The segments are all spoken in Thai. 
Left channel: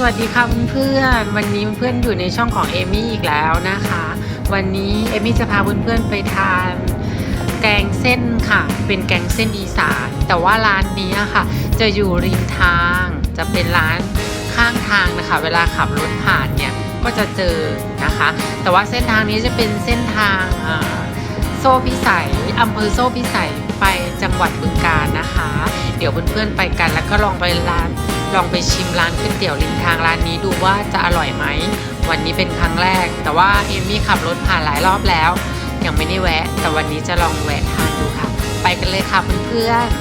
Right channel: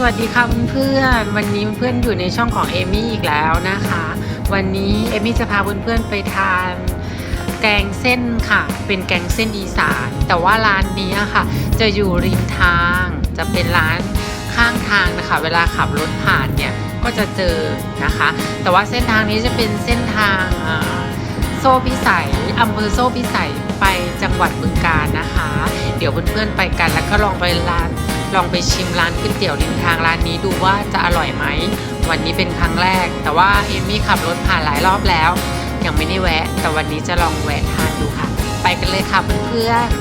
สวัสดีค่ะเพื่อนๆวันนี้เพื่อนๆอยู่ในช่องของเอมี่อีกแล้วนะคะ วันนี้เอมี่จะพาเพื่อนๆไปทานแกงเส้นค่ะ เป็นแกงเส้นอีสาน แต่ว่าร้านนี้ค่ะ จะอยู่ริมทาง จะเป็นร้านข้างทางนะคะ เวลาขับรถผ่านเนี่ยก็จะเจอนะคะ แต่ว่าเส้นทางนี้จะเป็นเส้นทางโซ่พิสัยอำเภอโซ่พิสัยไปจังหวัดบึงกาฬนะคะ เดี๋ยวเพื่อนๆไปกันแล้วก็ลองไปร้าน ลองไปชิมร้านก๋วยเตี๋ยวริมทางร้านนี้ดูว่าจะอร่อยไหม วันนี้เป็นครั้งแรก แต่ว่าเอมี่ขับรถผ่านหลายรอบแล้ว ยังไม่ได้แวะ แต่วันนี้จะลองแวะทานดูค่ะ ไปกันเลยค่ะเพื่อนๆ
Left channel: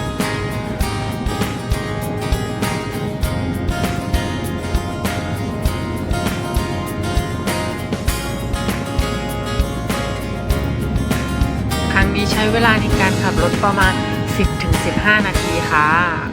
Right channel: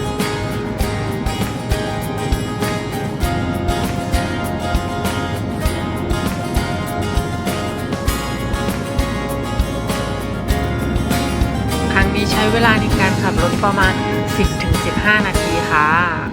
ครั้งนี้ใช้เวลาในการขับรถประมาณ 10-15 นาทีค่ะ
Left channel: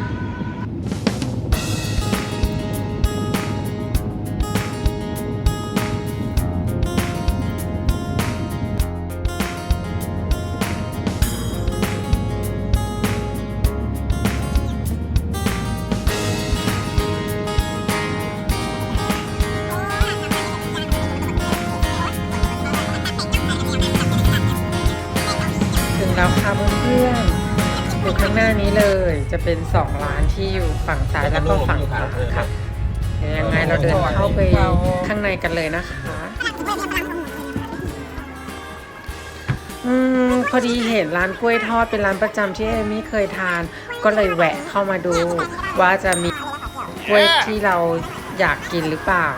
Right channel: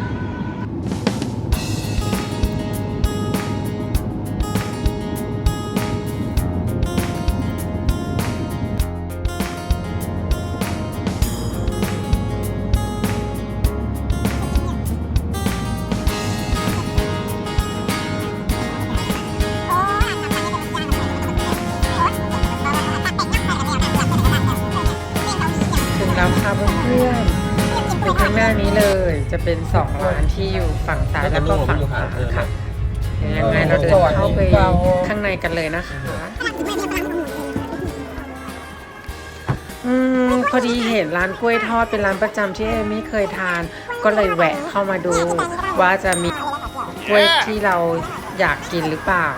เพื่อนๆอยู่ข้างหน้านี้เลย จะเป็นสองร้านที่อยู่ฝั่งซ้ายแล้วก็ฝั่งขวาค่ะเดี๋ยวยังไงเราเดินเข้าไปข้างในกันเลยนะคะ อืมพอดีเห็นร้านกล้วยทอดเป็นร้านประจำที่เอมี่เคยทาน ก็เลยแวะเข้ามาดูว่าจะมีกล้วยที่เราอยากกินหรือเปล่า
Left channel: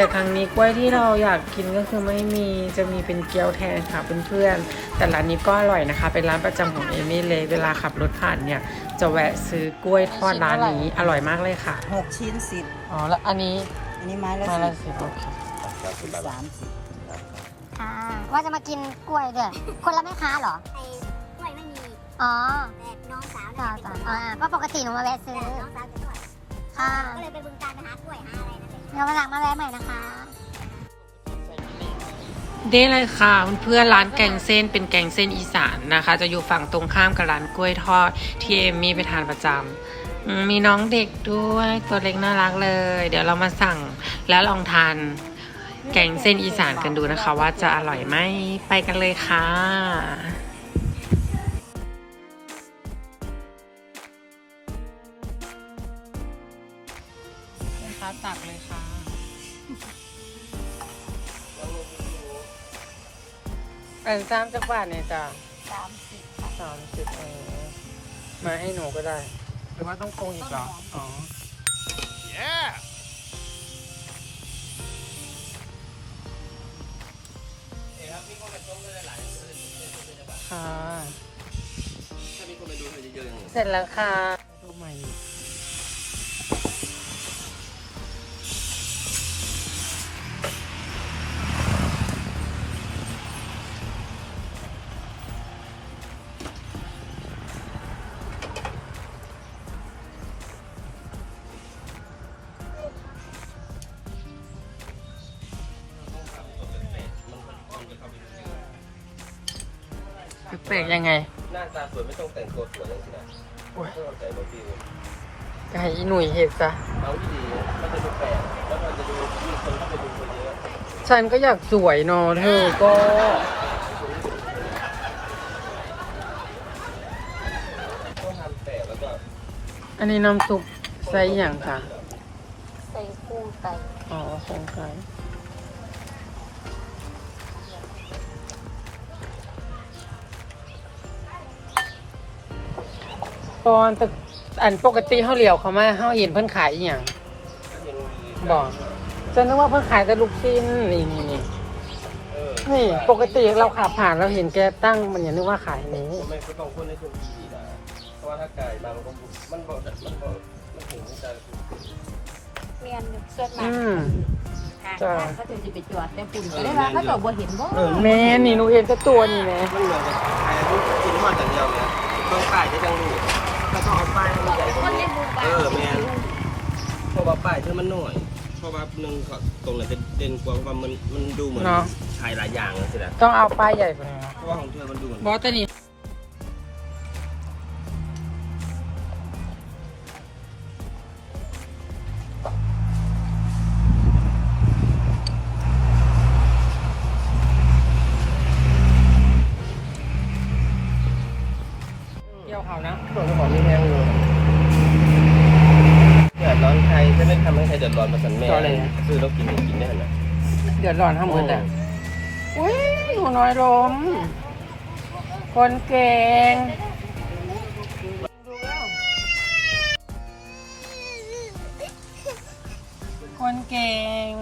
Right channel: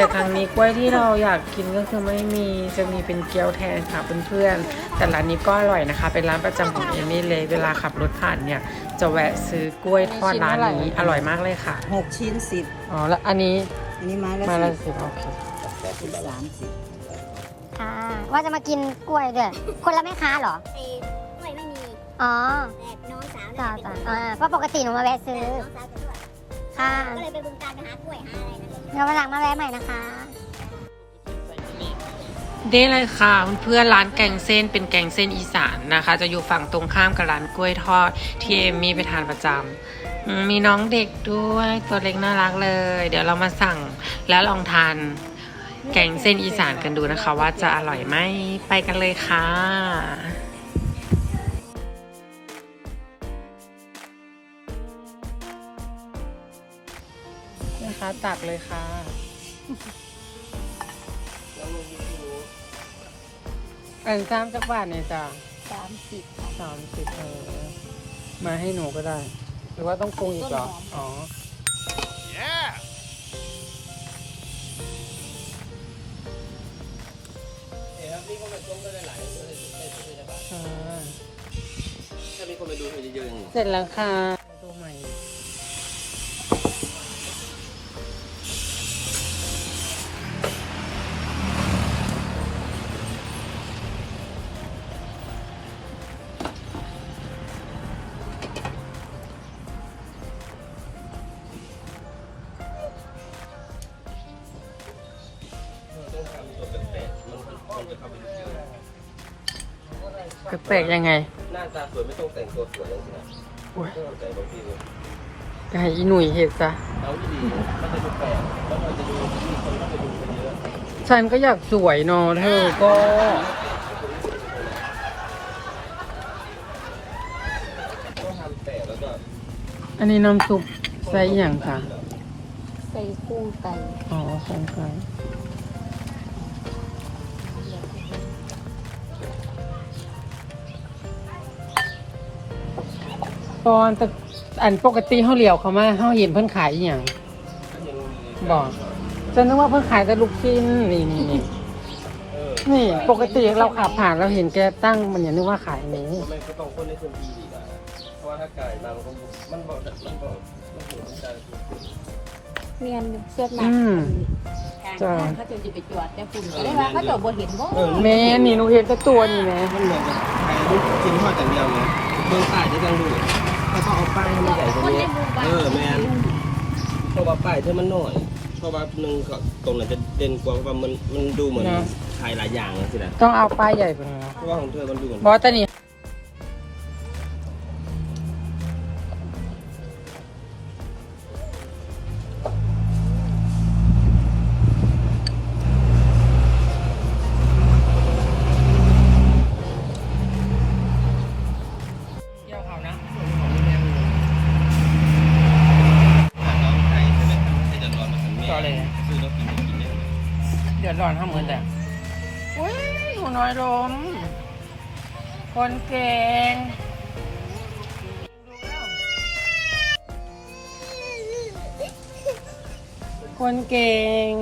แต่ครั้งนี้กล้วยที่เราอยากกินก็คือไม่มีจะมีเป็นเกี๊ยวแทนค่ะเพื่อนๆ แต่ร้านนี้ก็อร่อยนะคะ เป็นร้านประจำของเอมี่เลย เวลาขับรถผ่านเนี่ย จะแวะซื้อกล้วยทอดร้านนี้อร่อยมากเลยค่ะหกชิ้นสิบอ๋อแล้วอันนี้อันนี้ไม้ละไม่สิละบสิบนะคะสามสิบค่ะว่าจะมากินกล้วยด้วยคนละแม่ค้าเหรอไอ้กล้วยไม่มีอ๋อแต่น้องสาวอ่าเนี่ยเป็นคนทออ่าดเพราะปกติหนูมาแวะซื้อแต่น้องสาวจะนวดเออ ก็เลยไปบึงการไปหากล้วยหาอะไรนั่นแหละเดี๋ยววันหลังมาแวะใหม่นะคะ ได้เลยค่ะเพื่อนๆร้านแกงเส้นเป็นแกงเส้นอีสานนะคะ จะอยู่ฝั่งตรงข้ามกับร้านกล้วยทอดที่เอมมี่ไปทานประจำอืมมีน้องเด็กด้วยตัวเล็กน่ารักเลย เดี๋ยวเรามาสั่งแล้วลองทานแกงเส้นอีสานกันดูนะคะ ว่าจะอร่อยไหมไปกันเลยค่ะ ตักเลยค่ะ อันจ้ามจักบาทเนี่ยจ้าสามสิบมาให้หนูก็ได้หรือว่าต้องปรุงอีกเหรออ๋อค่ะ ถ้ามีคนมาดูให้เยอะๆนี่เสร็จแล้วค่ะ ดูใหม่ แปลกยังไงหน้าตาสวยไม่ต้องแต่งตัวสวยให้อีหนุ่ยเห็นซะฉันก็อยากสวยเนอนอันนี้น้ำซุปใส่อหย่างค่ะ ใส่กุ้งไก่ อ๋อใส่ไปพออันอันปกติเขาเหลียวเขามาเขาเห็นเพื่อนขายอหย่างก่อนจนนึกว่าเพื่อนขายแต่ลูกชิ้นนี่นี่นี่นี่ปกติเราผ่านเราเห็นแกตั้งมันอย่านึกว่าขายหมูเมียนเสื้อหนัอืกมกลางบ้านเขาจะไปจอดแต่ฝุ่นก็ได้ว่าเขาจอดบนหินเนาะเออนี่นี่หนูเห็นตัวตัวนี่ไงกินทอดอย่างเดียวเลยลงใต้ได้จังเป้ายให้มันใหญ่กว่านี้เออแมนเพราะว่าป้ายเธอมันน้อย เพราะว่าหนึ่งก็ตรงนั้นจะเด่นกว่าเพราะว่ามันมันดูเหมือนขายหลายอย่างสินะต้องเอาป้ายใหญ่กว่านี้เพราะว่าของเธอมันดูเหมือน บอสตอนนี้ ร้อนห้าหมดอ่อุ้ยหนูน้อยลมคนเก่งคนเก่ง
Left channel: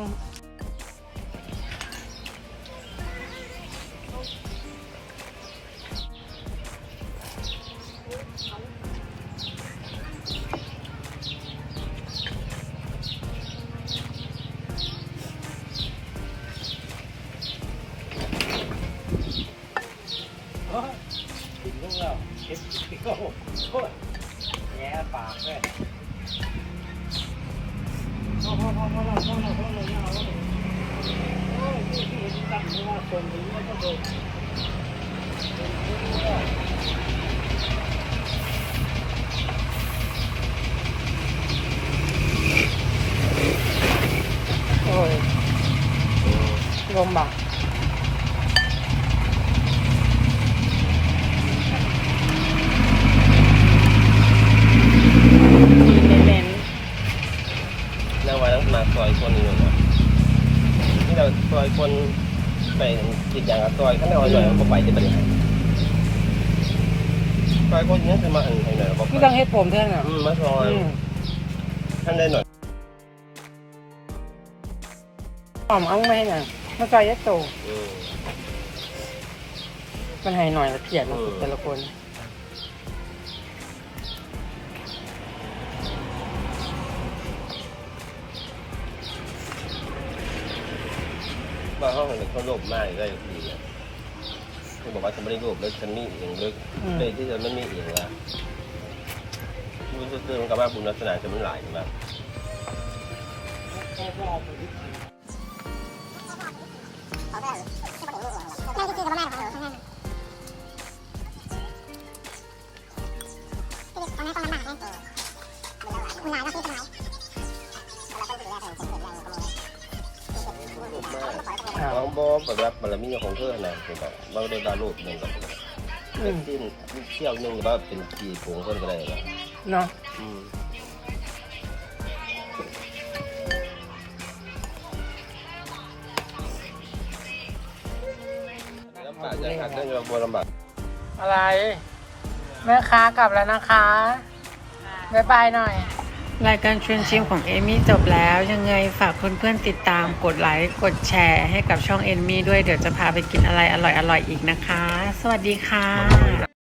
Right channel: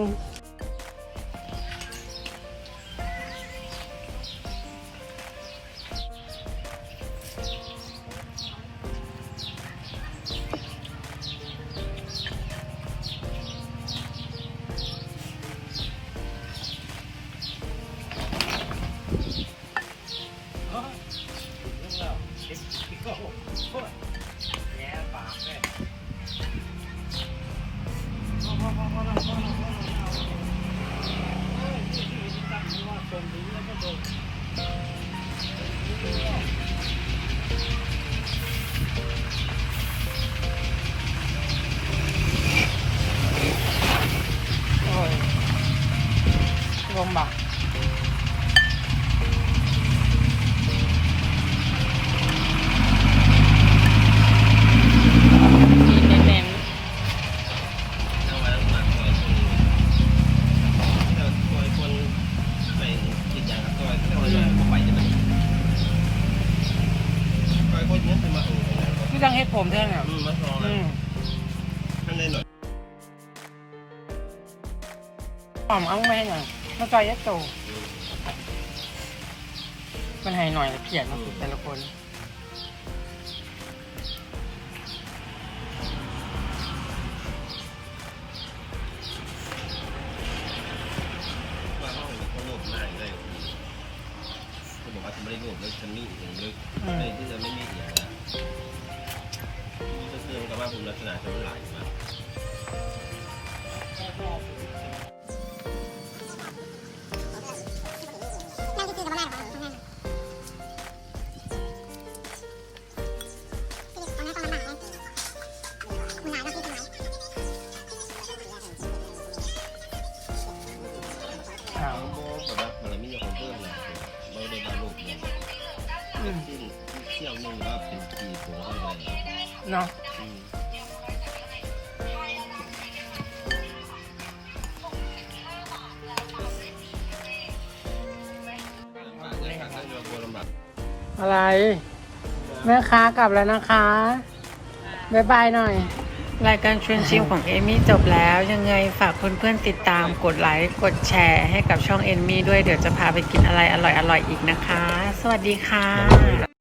โอ้ยลมบัก อยคนหนึ่งที่เราซอยคนไปกินอย่างละซอยข้างนอกเลยก็ไปจะเป็นยังไงซอยคนนี้คือมาเออไงบอกๆที่ต้องเฮ็ดผมเท่านั้นอะอืมมาซอยอืมท่านได้หน่อยหอมเอังไม่ให้หยังมาจอยยัดโตอืมมันให้หน่อยละเอียดนะสุดแต่ละคน เราเขาเห็นเขาโลภมากเลยทีเดียวเขาบอกว่าฉันไม่ได้โลภแล้วฉันนี่เองลึกไมเลยที่ฉันไม่มีเองละมันก็คือกับว่าบุญลักษณะจะมันหลายมาก แบบว่าบารมีของเธอนะเป็นแบบเราได้บาลูกหนึ่งอืมที่เที่ยวหนึ่งว่าเป็นกี่ผงก็ได้แล้วเนาะอืมลำบากจะขาดเรื่องเราบัวลำบากอะไรแม่ค้ากลับแล้วนะคะ บ๊ายบายหน่อย รายการชวนชิมของเอมี่จบแล้ว ยังไงฝากเพื่อนๆติดตามกดไลค์กดแชร์ให้กับช่องเอมี่ด้วยเดี๋ยวจะพาไปกินอะไรอร่อยๆอีกนะคะ สวัสดีค่ะ